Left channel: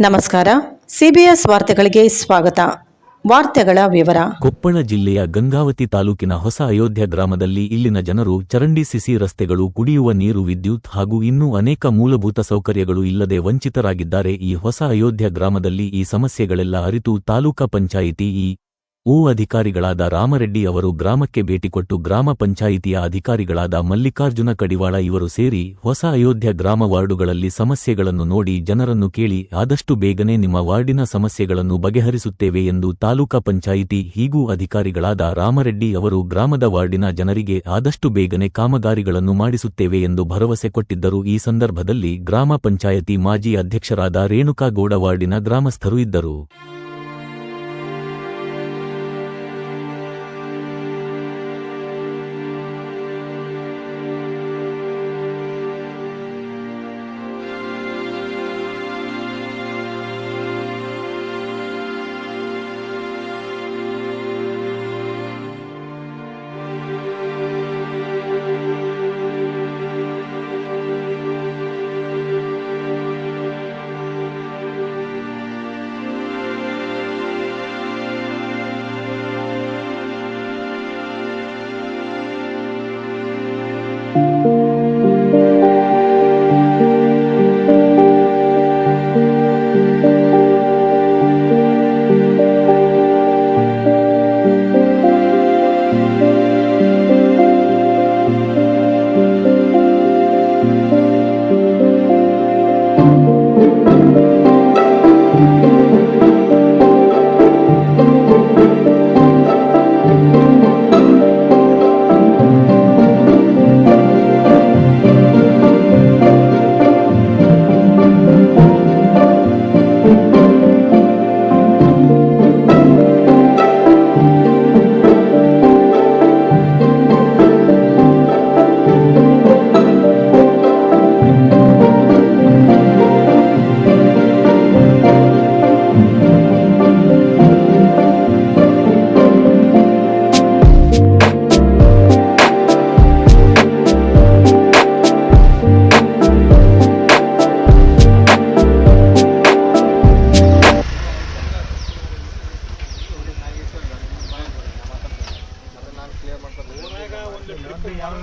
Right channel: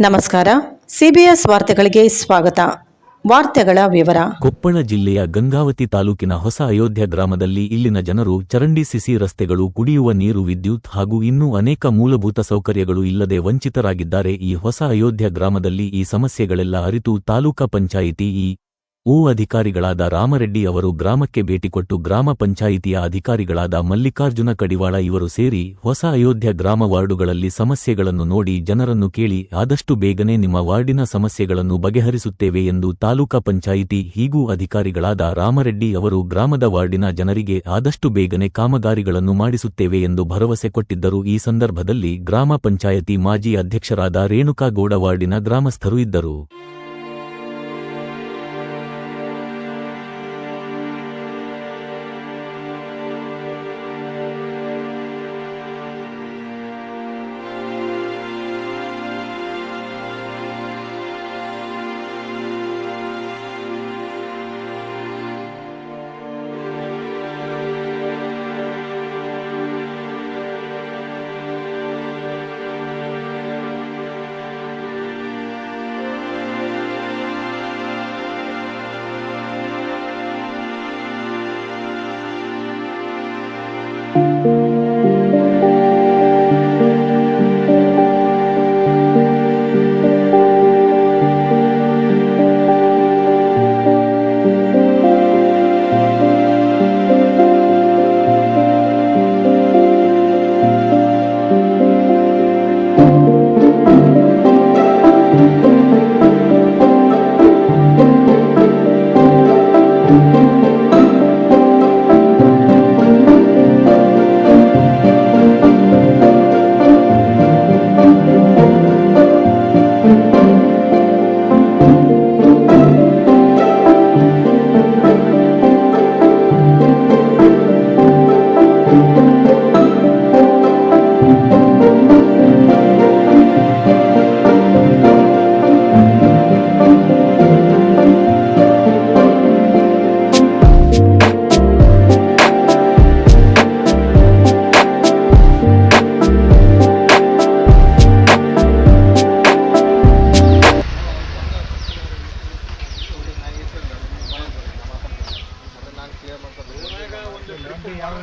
ನಮಸ್ಕಾರ. ಸಿಬಿಎಸ್ ವಾರ್ತೆಗಳಿಗೆ ಸ್ವಾಗತ. ವಾರ್ತೆಗಳ ವಿವರ. ಕೊಪ್ಪಳ ಜಿಲ್ಲೆಯ ಗಂಗಾವತಿ ತಾಲೂಕಿನ ಹೊಸ ಅಯೋಧ್ಯ ಗ್ರಾಮದಲ್ಲಿ ಇಲ್ಲಿನ ಜನರು ಚರಂಡಿ ಸಿಸಿ ರಸ್ತೆಗಳು, ಕುಡಿಯುವ ನೀರು, ವಿದ್ಯುತ್ ಹಾಗೂ ಇನ್ನೂ ಅನೇಕ ಮೂಲಭೂತ ಸೌಕರ್ಯಗಳು ಇಲ್ಲದೆ ವಂಚಿತರಾಗಿದ್ದಾರೆ. ಈ ಹೊಸ ಅಯೋಧ್ಯ ಗ್ರಾಮದಲ್ಲಿ ಈ ಸಮಸ್ಯೆಗಳೆಲ್ಲ ಅರಿತು ತಾಲೂಕಾ ಪಂಚಾಯಿತಿ ಈ ಉ ಅಧಿಕಾರಿಗಳಾದ ರಾಮರೆಡ್ಡಿ ಅವರು ಗ್ರಾಮಕ್ಕೆ ಭೇಟಿ ಕೊಟ್ಟು ಗ್ರಾಮ ಪಂಚಾಯಿತಿಯ ಅಧಿಕಾರಿಗಳಾದ ಮಲ್ಲಿಕಾರ್ಜುನ ಕಡಿವಾಳ ಇವರು ಸೇರಿ ಹೊಸ ಅಯೋಧ್ಯ ಗ್ರಾಮ ವಾರ್ಡುಗಳಲ್ಲಿ ಸಮಸ್ಯೆಗಳನ್ನು ನೋಡಿ ಜನರನ್ನು ಕೇಳಿ ಆದಷ್ಟು ಬೇಗನೆ ನಿಮ್ಮ ವಾರ್ಡಿನ ಸಮಸ್ಯೆಗಳನ್ನು ಬಗೆಹರಿಸುತ್ತೇವೆ ಎಂದು ತಾಲೂಕಾ ಪಂಚಾಯಿತಿ ಹೀಗೂ ಅಧಿಕಾರಿಗಳಾದ ರಾಮರೆಡ್ಡಿ ಅವರು ಗ್ರಾಮದ ವಾರ್ಡಿನ ಜನರಿಗೆ ಆದಷ್ಟು ಬೇಗನೆ ಕಾಮಗಾರಿಗಳನ್ನು ಮಾಡಿಸುತ್ತೇವೆ ಎಂದು ಭರವಸೆ ಕೊಟ್ಟಿದ್ದರು. ಈ ಸಂದರ್ಭದಲ್ಲಿ ಗ್ರಾಮ ಪಂಚಾಯಿತಿ ಮಾಜಿ ಅಧ್ಯಕ್ಷರಾದ ರೇಣುಕಾಗೌಡ ವಾರ್ಡಿನ ಗ್ರಾಮಸ್ಥರು ಇದ್ದರು.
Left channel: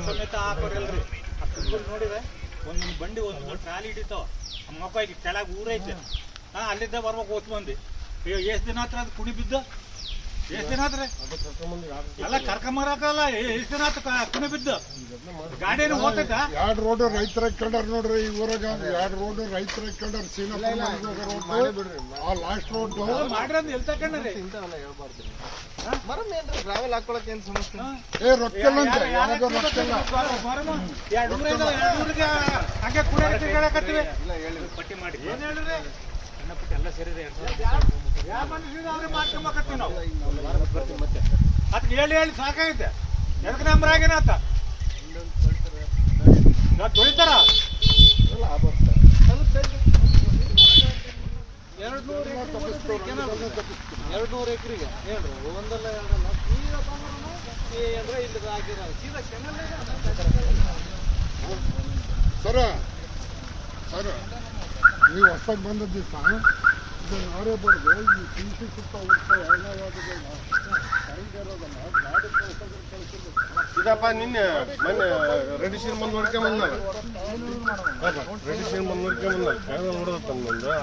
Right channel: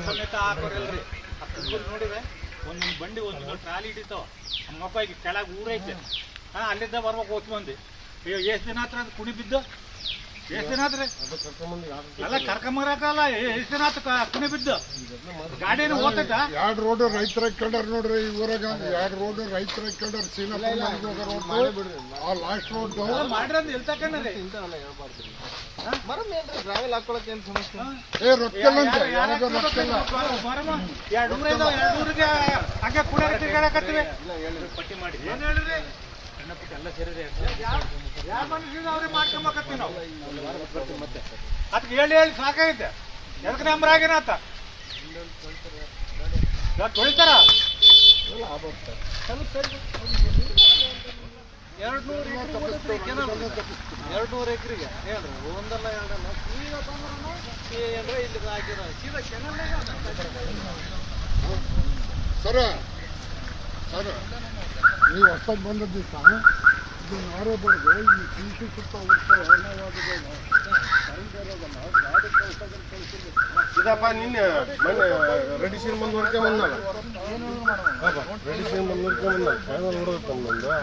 ಸಮೇತ ಹಾಕೋರಲ್ರಿ. ನೋಡಿದ್ರೆ ಒಂದೊಂದು ಬಂಡಿ ಒಂದೊಂದು ಟ್ರಾಲಿ ಹಿಡಿತಾವ. ನಮ್ಮಪ್ಪ ಈಗ ಕೆಳಗೆ ಊರೈತೆ. ಹಾ ಅಲ್ಲಿದ್ದ ಬರ್ಬೇಕು ಓದ್ ಮಂದಿ ಎಷ್ಟು ದಿನ ಹತ್ರ ಅದು ಕುಣಿ ಬಿದ್ದು? ಎಷ್ಟು ದಿನ ಆತ್ರಿ ಎಲ್ಲ ಕರ್ಕೊಂಬರಕಲ್ಲ ಎಷ್ಟು ದಿನ ಆತ ಕ- ಕುಣಿ ಬಿದ್ದು. ಗಾಡಿನ ಓತೈತ ಎರಡು ರೋಡ್ ರೈತರ ಕೇಳಾರ ನೋಡ್ರಿ ಈ ಊರಾಗ. ಎರಡು ರೋಡ್ ರೈತರ ಕೇಳಾರ ಸೀನಾ ರೋಡ್ ಆ ಲಾಸ್ಟ್ ರೋಡ್ ಮಾಡ್ರಿ ಅಂತ ಹೇಳ್ತಕ್ಕೇನ್ರಿ ಟ್ರಾವೆಲ್ ಹಾಕೊಳಕ್ ಏನ್ ಸಮಸ್ಯೆ? ಏ ರೊಕ್ಕಿಲ್ಲ ಯಾವಾಗ ಎರಡು ಊರಿಗೆ ಹಾಗೆ ತಿರ್ಗಾಡಕತ್ತೀವಿ ಏನ್ ಹೇಳಿ ಪಟ್ಟಿ ಮಾಡಿ. ಮಾಡ್ಕೊಂಬಕತ್ತೀವಿ ನಾವು ಅದಕ್ಕೆ ಹೇಳಿ ಹೇಳಿ ಸಾಕಾಗಿದೆ. ಎದಕ್ಕೆ ನಂಬರ್ ಎಲ್ಲ ಯಾಕೆ ತೊಳಿತಾರ? ಎರಡು ನೂರು ಎರಡು ನೂರು ಎಕರೆಗೆ ಏನ್ರಿ ಒಂದಲ್ಲ ಎರಡಲ್ಲ ಏನ್ರ ಇಲ್ಲಿ ಹಾಕಿರ ಸೀದಾ ಸರ ಸರ. ನೀವು ಹೊಸದಾಗಿ ಬಂದ ದಿವಸ ಇದು ನಾಡಬಾರ್ದು ಈ ಸಿಂಪಿ ಸುತ್ತ ಇದಪ್ಪ ನಿನ್ನೆ ಮೊನ್ನೆ ರೆಡಿ ಸೀನ್ ಬಂದು ನೋಡ್ಕೊಂಡ್ ಬಂದ. ರೆಡಿ ಸೀನ್ ಬಂದು ಚಾನಲ್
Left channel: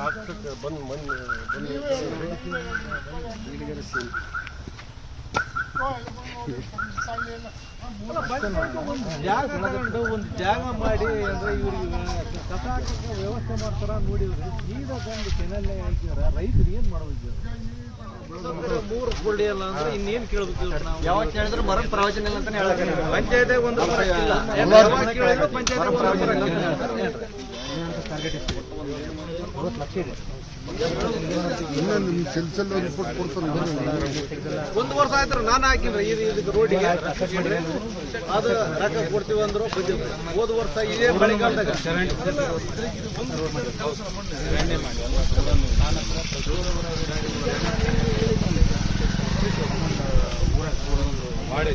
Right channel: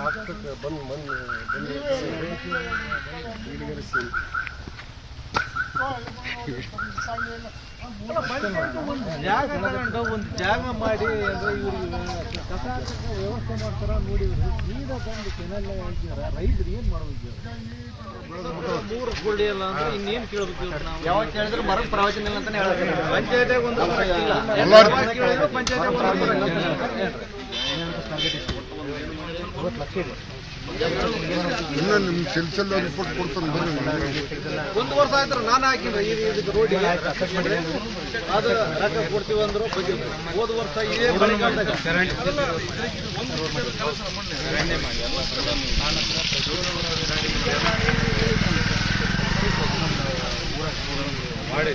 ಆಗ್ತಕ್ಕೆ ಬಂದು ಬಂದು ಬಂದು. ಒಂದು ಜಾಗ ಮಾಡಿ ಅಂದ್ರೆ ಇವ್ರಿಗೆ ವ್ಯವಸ್ಥೆ ಮಾಡ್ತಾರ ನೋಡಿವ್ರಿ ಸೀದಾ ಬಂದು ಕೆನಲ್ ರೈತರು ಏನ್ ಮಾಡ್ಬೇಕು ಮೂರು ಅಲ್ಲ ಅಂದ್ರೆ ಇನ್ನೇನ್ ಕೇಳ್ಬೇಕು ಯಾವಾಗ ಕೇಳಿದ್ರೆ ಮರ ಪ್ರವಚನ ಇಲ್ಲ. ಅಂತಾನೆ ಹೇಳ್ತಾರೆ ಪಂಚಾಯತ್ ಒಂದು ಇನ್ನ ನಿಮ್ ಕೆಲಸಲ್ಲ ರಿಪೋರ್ಟ್ ಕೊಡ್ತಾನೆ ಬರ್ರಿ. ಒಂದು ವರ್ಷ ಆಯ್ತು ನಾನು ಹಾಕಿನ್ರಿ ಇದು ಇದಕ್ಕೆ ರೋಡ್ ಅದು ರೊಕ್ಕ ಕೊಡ್ತೀವಿ ಅಂದ್ರು ಬಂದಿಲ್ಲ ಹೋದ ವರ್ಷ ಇದೇ ಮಳೆಗಾಲದಾಗ. ಅಲ್ಲಿ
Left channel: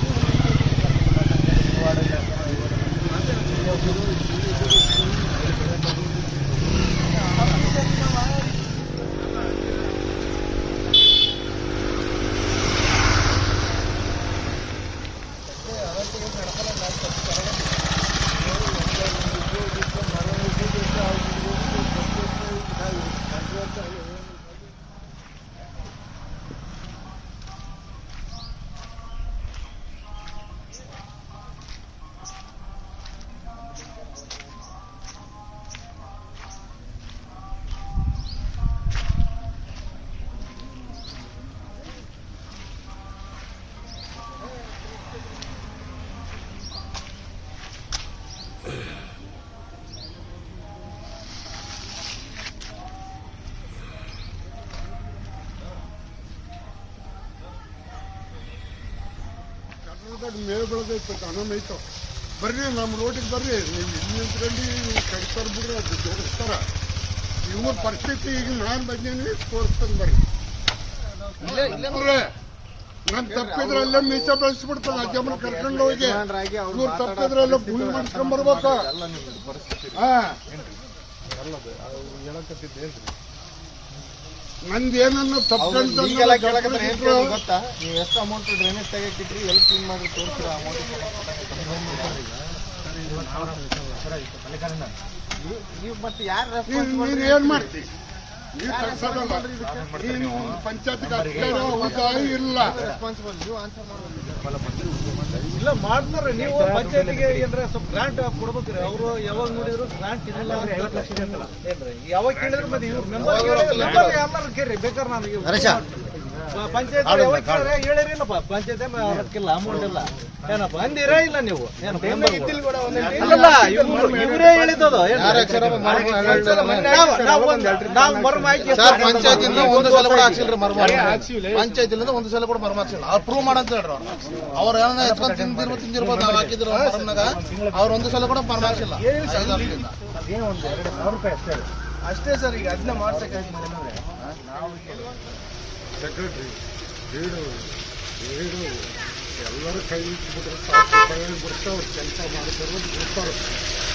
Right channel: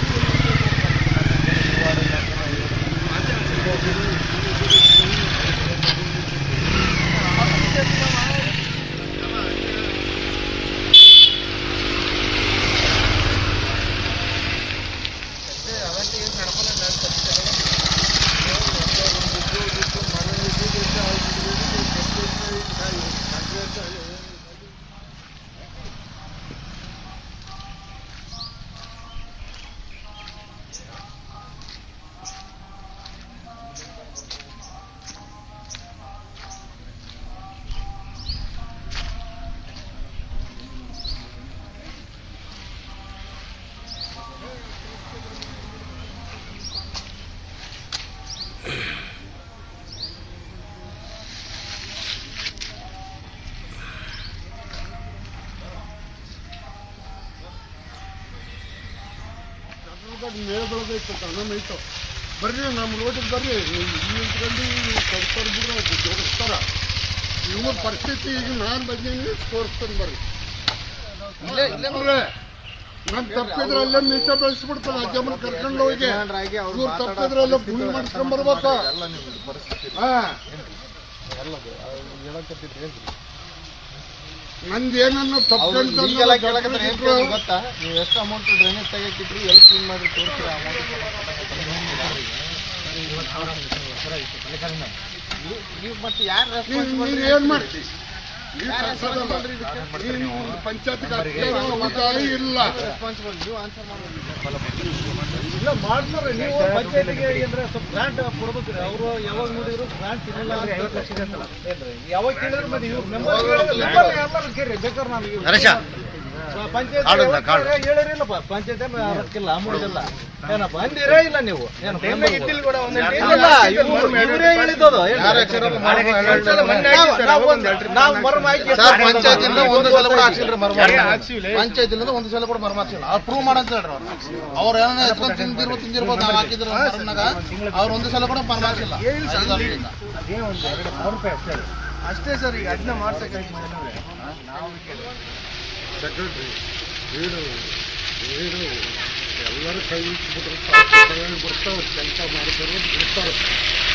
ಮಾಡಿ ಮೇಲೆ ಮೇಳ ಬೆಳೆದೈತೆ ಅನ್ನ ಐತೆ ಬರ್ರಿ ನಮ್ಮ ರೋಡಿಗೆ ಬರ್ರಿ. ಇಲ್ಲಿ ನಿಂತ್ಕೊಂಡು ಕಟ್ತಾರ ಬಿಡ್ರಿ ಅದು ಜೋಡಿಸ್ತಾರ ಇವ್ರ ಪರಿಸ್ಥಿತಿ ಈಗ ನಾನು ಬಂದೀನಿ ತೋರಿಸ್ತೇನೆ ಬರ್ರಿ. ನಾನು ನಾನ್ ತಪ್ಪಿದ್ರೆ ಅಲ್ಲೇ ಮೀಸ ಬೆಳೆಸ್ಬಿಡ್ತಾನೆ ಅಜ್ಜಮ್ಮನ ಕರ್ಕೊಂಡು ಹೋಗಿ. ಇವ್ರು ತಪ್ಪಿದ್ರೆ ಅಲ್ಲೇ ಭೂಮಿ ಮಾಡಿಸ್ಕೊಂಡ್ ಬರ್ಬೇಕು? ಹಾ. ಹೇಳಕತ್ತಿದ್ದು ಹೇಳ್ರಿ. ನಂದು ಏನನ್ನ ತಪ್ಪಿಕೊಂಡು ಈಗೆಲ್ಲ ಕೇಳಕತ್ತಾರೆ ಏನ್ ಗೊತ್ತಾ? ನೀವು ಎಷ್ಟು ಅಮೌಂಟ್ ಡ್ರೈನೇಜ್ ತೆಗಿತಿದ್ರಿ ಎಲ್ಲಿ ಕ್ಲೀನ್ ಮಾಡಿ ತೋರಿಸ್ತೀರ ನೀವು ಮತ್ತೆ ಯಾರು ಏನು ಹೌದಾ ಇಲ್ಲ. ರೆಸ್ಪಾನ್ಸಿಬಲ್ ನೀವು ಆನ್ಸರ್ ಮಾಡಬೇಕು. ಇಲ್ಲ ಮಾಡ್ತಾರೆ. ನೀವು ಪಂಚಾಯತಿಗೆ ಏನ್ರೆ ಸ್ವಲ್ಪ ಗ್ರಾಂಟ್ ಕೊಡ್ಬೇಕ್ರಿ. ಅವರು ಯಾವಾಗ ನೋಡಿದ್ರು ಗ್ರಾಂಟ್ ಇಲ್ಲ ಅಂತ ಹೇಳ್ತಾರೆ. ಏನ್ರಿ? ಯಾವಾಗ ಕೇಳಿದ್ರು ಮತ್ತೆ ಇವ್ರು ಮೆಂಬರ್ ಎಲ್ಲರೂ ಕೇಳ್ರಿ? ಬೇಕಾದ್ರೆ ನಾನು ಹೇಳಿರಿಲ್ಲಪ್ಪ ಪಂಚಾಯತ್ ರೊಕ್ಕಿಲ್ಲ ಅಮೌಂಟ್ ಇಲ್ಲ ಏನಪ್ಪ ಅಂದಿರೇ ಇಲ್ಲ ನೀವು. ಏನಪ್ಪ ಅಲ್ಲ ಇವ್ರು ಇವರೇ ಹೇಳಿದ್ದದು. ನಾವು ಮರ್ಮ ಪಂಚಾಯತಿಂದ ಒಂದು ಸಲ ಕೂಡ ಮರ್ಮ ಪಂಚಾಯತಿಂದ ಒಂದು ಸಲ ಕೂಡ ಮರ್ಮ ಹಾಕ್ಸಿಲ್ಲ ಅವ್ರು ಪ್ರೂವ್ ಮಾಡಂತ ಹೇಳ್ರಿ ಅವ್ರು. ಅವ್ರು ಏನೋ ಎತ್ಕೊಂಡ್ ತಿಂದಿರ್ಬೋದು ತಿಂದಿರ್ಬೋದು ನಾವು ಹಾಕಿದ್ರು ಮರ್ಮನಾಗ ಅವ್ರು ಒಂದು ಸಲ ಕೂಡ ಮರ್ಮ ಹಾಕ್ಸಿಲ್ಲ ಅಷ್ಟೇ ಸರ್ ಈಗ ಅದನ್ನ ಮಾಡ್ಸಕ್ಕೆ ಸೆಕ್ರೆಟ್ರಿ ಹೇಳು ಹೇಳು ಎಲ್ಲರೂ ಕೈ ಇಟ್ಬಿಟ್ರೆ ತಗೊಂಡು ಬರ್ತಾವ್ರು ಕೆಲಸ ಮಾಡ್ತಾರೆ ಬರ್ತಾರೆ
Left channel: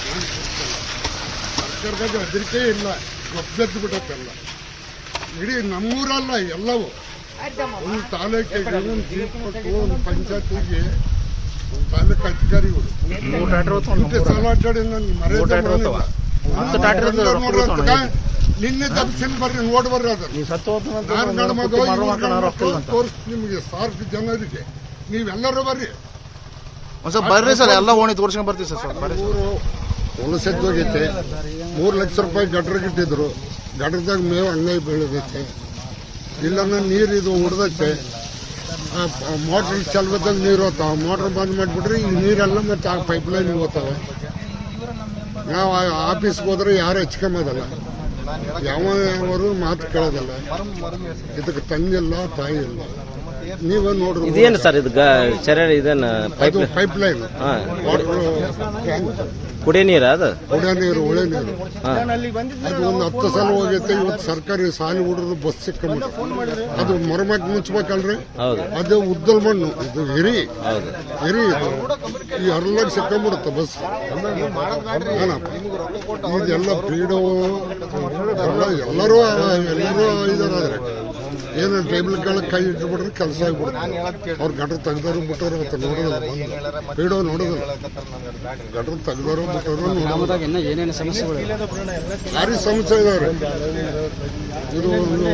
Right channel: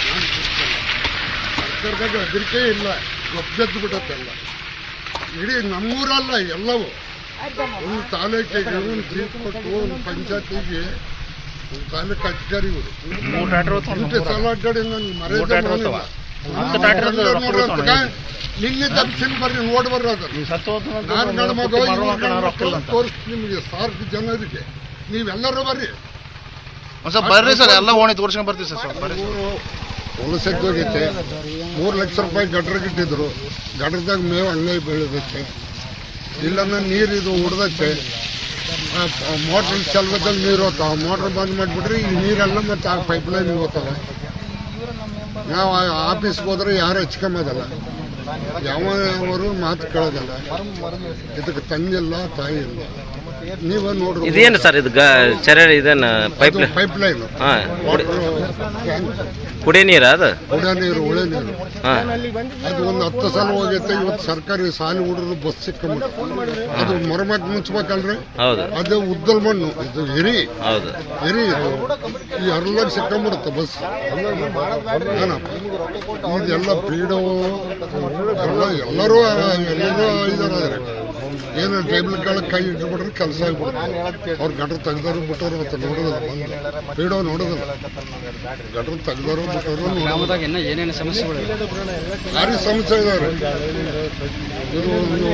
ನಾನು ಬಿಡ್ತಲ್ಲ ಸರ್ಕಾರದಾಗ ಹೆದರಿಕೆ ಇಲ್ಲ. ಗೊಬ್ಬೆದ್ದು ಬಿಡತ್ತೆಲ್ಲ ಇಡೀ ನಮ್ಮೂರಲ್ಲ ಎಲ್ಲವೂ. ಒಂದು ತಾಲೂಕಿಗೆ ಒಂದು ಜೀಪ್ ಕೊಟ್ಟು ಒಂದು ಪಂಚಾಯತಿಗೆ ಒಂದು ತಾಲೂಕು ಅಧಿಕಾರಿಗಳು ಸಲ ಅಡ್ಡಾಡಿ ನಾನು ಮರ್ಯಾದೆ ಮಾಡಿಲ್ಲ ನಿನ್ನೆ ತಪ್ಪಿಸಿನ ಬರ್ರಿ ನೋಡಿ ಬರ್ರಿ ಅದು. ನಾನು ಗಂಡ ಮಗ ಇವ್ರ ಗಂಡ ಮಕ್ಕಳು ನಿಮಗೆ ಸಾವಿರ ಜನರಿಗೆ ನೀವೆಲ್ಲರೂ ಬರ್ರಿ. ಬರ್ರಿ ಸರ್ ಎಲ್ಲ ಓಣಿ ತೋರಿಸ್ಕೊಂಡು ಬರ್ತೀವಿ ಸರ್. ಊರು ಹೋಗೈತೆ ಮೂರು ಲಕ್ಷ ರೂಪಾಯಿ ಗಟ್ರಿಗೆ ಇಟ್ಟಿದ್ರು ಗಟ್ರದಾಗ ಮೇವು ಹಂಗೆ ಬೆಳೆದೈತೆ ಇಲ್ಲನ್ನ ನೀರು ಇದು ಉಡ್ದೈತೆ. ಮೋಟ್ರ್ ಚಲ್ವದಲ್ಲಿ ನೀರು ಹೋಗ್ತಾವ. ಮೋಟ್ರ್ ಬಂದ್ ಮಾಡಿಬಿಟ್ರೆ ಈ ನೀರೆಲ್ಲ ಮತ್ತೆ ಆ ಪೈಪ್ ಲೈನ್ ಹೋಗ್ತಾವೆ. ನಾವು ಆಫೀಸ್ಗೆ ಹೋದ್ರೆ ಯಾರು ಹಚ್ಕೊಂಬೋದಲ್ಲ ಯಾವ ಮಾತು ಕೇಳೋದಲ್ಲ. ಇದಕ್ಕೆ ತಂದಿಲ್ಲ ತಾಯಿ ಇಲ್ಲ. ನೀವೇ ನೋಡ್ರಿ ಇದೇನು ಸರ್ ಇದು ಚರ ಇದೇನು ಪೈಪ್ ಪೈಪ್ ಲೈನ್ ಕುಡಿ ಕುಡಿಯ ನೀರ ಅದು? ಕುಡಿಯೋ ನೀರು ಒಳ್ಳೆ ನೀರು. ಹಾಂ. ಅದು ಒಂದು ಹತ್ತು ಸಲ ಹೋಗೈತೆ ಇವತ್ತು ಸರ್ಕಾರಿ ಸಾಲಿ ಹುಡುಗರು ಬಸ್ ಸಿಕ್ಕಬಿಟ್ಟು ಅದು ಮರಮತ್ ಮುಚ್ಚಬೇಕಲ್ರಿ ಹೌದು. ಅದೇ ಉದ್ದಲ್ ಮಣ್ಣು. ಇದು ಹಿರಿ. ಹೌದು. ಹಿರಿ ಇದು. ಈ ಅರ್ಲಾಗಿ ಸಿಕ್ಕಂಬಿಡುತ್ತೆ ಬಸ್. ಎಲ್ಲ ಫ್ರೀಡಮ್ ಎಲ್ಲ ಎಲ್ಲರೂ ಎಲ್ಲರೂ ಇದಾರೆ. ಏನು ಟೇಬಲ್ ಕೆಳಗೆ ಕೈ ಇಟ್ಬಿಟ್ರೆ ಕೆಲಸ ಆಗ್ಬಿಡುತ್ತೆ. ಅವ್ರು ಗಟ್ರ ತೆಗ್ದವ್ರು ಬಿಟ್ಟವ್ರು ಅಂತ ನೋಡೋದಿಲ್ಲ. ಬಂದು ಫ್ರೀಡಮ್ ನೋಡೋದಿಲ್ಲ. ಗಟ್ರ ತೆಗ್ದಾರು ಬಿಟ್ಟರು ನೋಡೋದಿಲ್ಲ. ಭಾರಿ ಸಮಸ್ಯೆ ಇದಾವೆ ಇದು ಒಂದು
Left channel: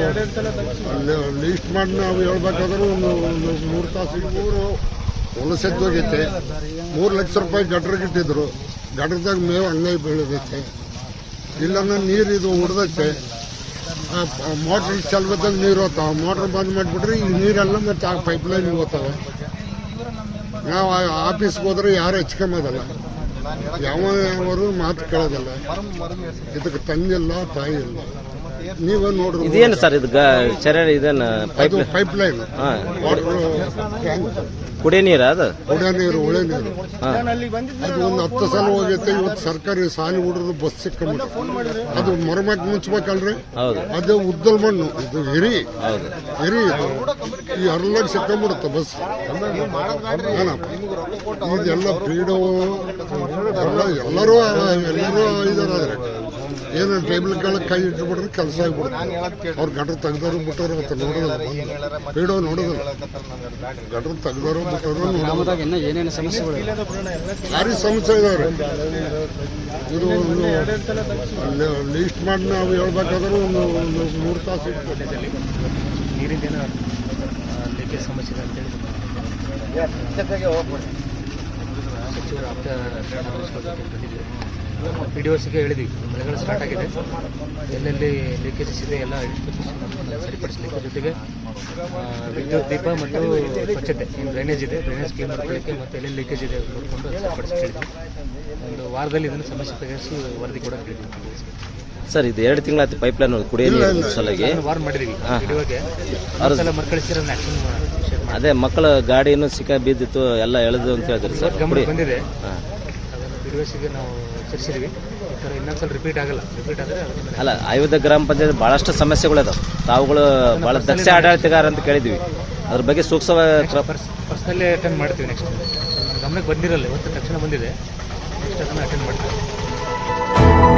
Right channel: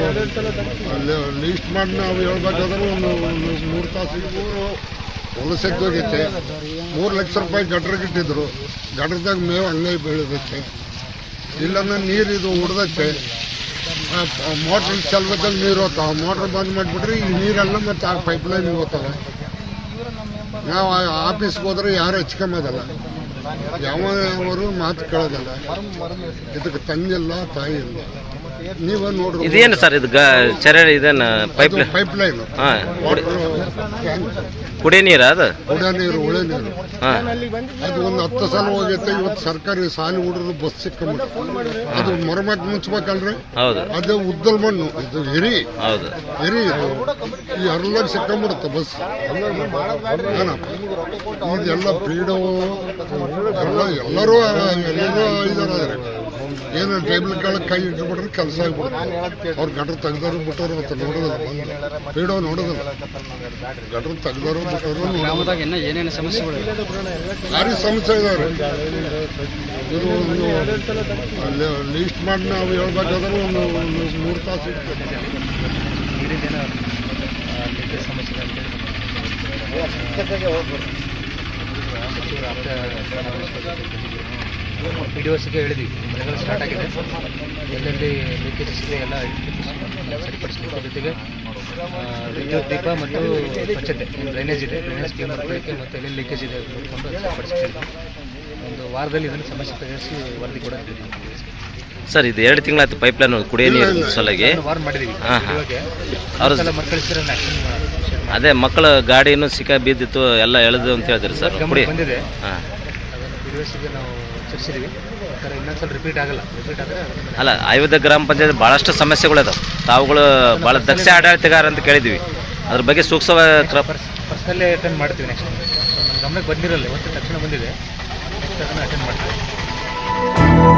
ಲೀಸ್ಟ್ ಮಾಡಿ ನಾವು ಹೇಳ್ಬೇಕಾದ್ರೆ ಒಂದು ಒಂದು ಮೂರು ತಾಸು ಮೂರು ಹೋಗೈತೆ. ಮೂರು ಲಕ್ಷ ರೂಪಾಯಿ ಗಟ್ರಿಗೆ ಇಟ್ಟಿದ್ರು ಗಟ್ರದಾಗ ಮೇವು ಹಂಗೆ ಬೆಳೆದೈತೆ. ಇಲ್ಲಂದ್ರೆ ನೀರು ಇದು ಉಡ್ದೈತೆ. ಮೋಟ್ರ್ ಚಲ್ವದಲ್ಲಿ ನೀರು ಹೋಗ್ತಾವ. ಮೋಟ್ರ್ ಬಂದ್ ಮಾಡಿಬಿಟ್ರೆ ಈ ನೀರೆಲ್ಲ ಮತ್ತೆ ಆ ಪೈಪ್ ಲೈನ್ ಹೋಗ್ತಾವೆ. ನಾವು ಆಫೀಸ್ಗೆ ಹೋದ್ರೆ ಯಾರು ಹಚ್ಕೊಂಬೋದಲ್ಲ ಯಾವ ಮಾತು ಕೇಳೋದಲ್ಲ. ಇದಕ್ಕೆ ತಂದಿಲ್ಲ ತಾಯಿ ಇಲ್ಲ. ನೀವೇ ನೋಡ್ರಿ ಇದೇನು ಸರ್ ಇದು ಚರ ಇದೇನು ಪೈಪ್ ಪೈಪ್ ಲೈನ್ ಹಾಂ ಕುಡಿ ನೀರ ಅದು? ಕುಡಿಯೋ ನೀರು ಉಳಿ ನೀರು. ಹಾಂ. ಅದು ಒಂದು ಹತ್ತು ಸಲ ಹೋಗೈತೆ ಇವತ್ತು ಸರ್ಕಾರಿ ಸಾಲಿ ಹುಡುಗರು ಬಸ್ ಸಿಕ್ಕಂಬಿಟ್ಟು ಅದು ಮರಮಕ್ಕೆ ಮುಚ್ಚಬೇಕಲ್ರಿ ಹೌದು. ಅದೇ ಉದ್ದಲ್ ಮಣ್ಣು ಇದು ಹಿರಿ. ಹೌದು. ಹಿರಿ ಇದು. ಈ ಅರ್ಲಾಗಿ ಸಿಕ್ಕಂಬಿಡುತ್ತೆ ಬಸ್ ಏನಪ್ಪ ಇದೆಲ್ಲ ಫ್ರೀಡೋ ಎಲ್ಲ ಎಲ್ಲರೂ ಎಲ್ಲರೂ ಇದಾರೆ ಏನು ಟೇಬಲ್ ಕೆಳಗೆ ಕೈ ಇಟ್ಬಿಟ್ರೆ ಕೆಲಸ ಆಗ್ಬಿಡುತ್ತೆ. ಅವ್ರ ಗಟ್ರ ತೆಗ್ದಾರು ಬಿಟ್ಟರು ಅಂತ ನೋಡೋದಿಲ್ಲ ಫ್ರೀಡೋ ನೋಡೋದಿಲ್ಲ. ಗಟ್ರ ತೆಗ್ದಾರು ಬಿಟ್ಟರು ಏನೇನು ಸಮಸ್ಯೆಗಳು ಭಾರಿ ಸಮಸ್ಯೆ ಇದಾವೆ ಇದು ಒಂದು ಲೀಸ್ಟ್ ಮಾಡಿ ನಾವು ಹೇಳ್ಬೇಕಾದ್ರೆ ಒಂದು ಒಂದು ಮೂರು ತಾಸು ಇರ್ತದೆ ಪಿ ಡಿ ಒಸ್ಗೆ ಹೇಳಿದ್ವಿ. ಮಳೆಗಾಲ ಸ್ಟಾರ್ಟ್ ಆಗಿದೆ. ಎಲ್ಲೆಲ್ಲಿ ಲೀಕೇಜಸ್ ಇದೆ ಎಲ್ಲ ಸರಿಪಡಿಸಲಿಕ್ಕೆ ಜೊತೆಗೆ ವಿದ್ಯುತ್ ದೀಪ ಮತ್ತು ಸ್ವಚ್ಛತೆ ಡ್ರೈನೇಜ್ ಇದೆ. ಡ್ರೈನೇಜ್ ಕ್ಲೀನ್ ಮಾಡ್ಕೊಳ್ಳಿಕ್ಕೆ ಮತ್ತು ಎಲ್ಲೆಲ್ಲಿ ಲೀಕೇಜ್ ಇದೆ ನೋಡಿಕೊಂಡು ಸರಿಪಡಿಸ್ತೀವಿ ಒಂದು ವಾರದಲ್ಲಿ ಇದನ್ನು ಸಮಸ್ಯೆ ಪರಿಹರಿಸಿ ವರದಿ ಕೂಡ ಸರ್ ಇದು ಎರಡು ತಿಂಗಳಾಯ್ತು ಪೈಪ್ ಲೈನ್ ಕುಡಿಯೋ ನೀರು ಸಲಗೆ ಅದೇ ಮಕ್ಕಳ ಗಾಡಿನೂ ಸಿಕ್ಕ ಬಿದ್ದಿತ್ತು ಎಲ್ಲ ಎಳೆದು ಅಂತ ಹೇಳಿದ್ರಿ ಸರ್ ಕುಡಿ. ಬಂದಿದೆ. ಹಾಂ. ನಾವು ಚರ್ಚಿಸಿದ್ವಿ ಈ ಥರ ಇನ್ನೊಂದ್ಸಲ ರಿಪೀಟ್ ಆಗಲ್ಲ. ರಿಪೀಟ್ ಆದರೆ ಅಲ್ಲ ಆಯುಧ ಗ್ರಾಮ ಪಂಚಾಯತ್ ಭಾಳಷ್ಟು ಸಮಸ್ಯೆಗಳಿದಾವೆ ತಾವುಗಳು ಭಾಳ ದಕ್ಷ ಆಡಳಿತಗಾರ ಅಂತ ಕೇಳಿದ್ವಿ ಅದ್ರ ಬಗ್ಗೆ ಸೂಕ್ಷ್ಮ ಕ್ರಮ ಪರ್ಸ್ನಲ್ಲೇ ಅಟೆಂಡ್ ಮಾಡ್ತೀವಿ ನೆಕ್ಸ್ಟ್ ನಮ್ಮ ಗಮನಕ್ಕೆ ಬಂದಿರಲ್ಲ ಇವತ್ತು ತಕ್ಷಣ ಬಂದಿದೆ. ನೆಕ್ಸ್ಟ್ ಅದನ್ನು ಅಟೆಂಡ್ ಮಾಡ್ತೀವಿ.